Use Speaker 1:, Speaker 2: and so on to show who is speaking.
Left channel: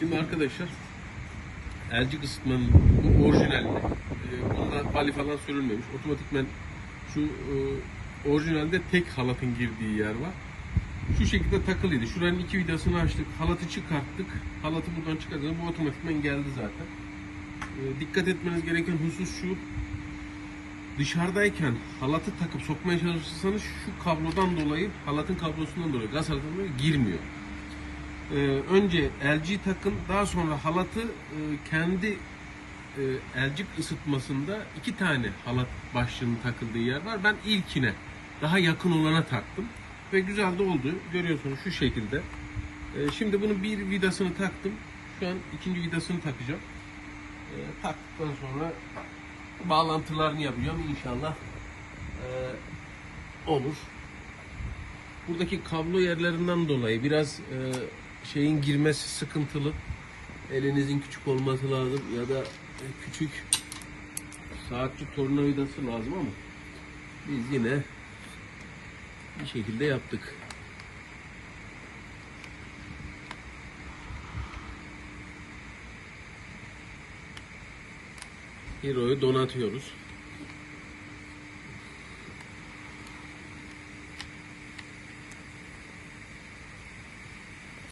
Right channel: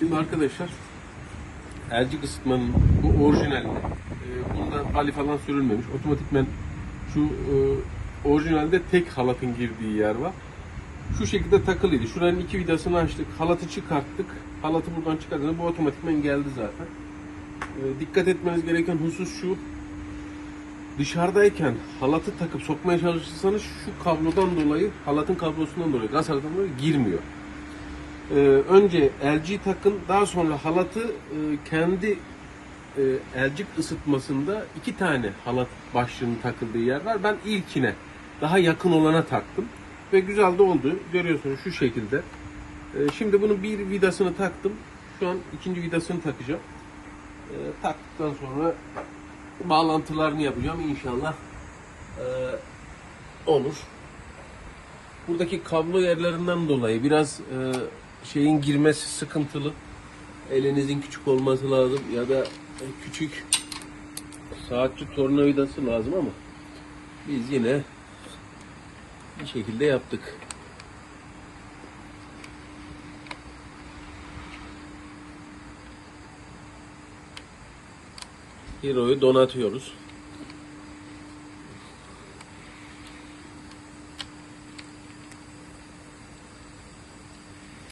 Speaker 1: Şimdi arkadaşlar elcik ısıtmanın bu orijinalinde e, bunda hali falan sürülmemiş. Otomatikmen şu e, orijinalde tek halatın girdiği yer var. Şu şekilde takılıydı. Şuranın iki vidasını açtık. Halatı çıkarttık. Halatı buradan çıkarttık. Bu otomatikmen geldi zaten. E, dikkat etmeniz gereken husus şu. Dışarıdayken halatı takıp sokmaya çalışırsanız şu kablodan dolayı, halatın kablosundan dolayı, gaz halatından dolayı girmiyor. Ee, önce LG takın, daha sonra halatı e, kendi e, elcik ısıtmasında iki tane halat başlığının takıldığı yer var. Ben ilkine, daha yakın olana taktım. Ve güzel de oldu. Görüyorsunuz şu şekilde. Ee, şimdi bunun bir vidasını taktım. Şu an ikinci vidasını takacağım. Ee, taktıktan sonra bağlantılarını yapacağım inşallah ee, olur. Buradaki kablo yerlerinden dolayı biraz e, şeyin girmesi sıkıntılı. Elinizin küçük olması lazım ya da küçük saatçi tornavidası lazım ama biz yine bir şekilde yaptık. Hero'yu donatıyoruz.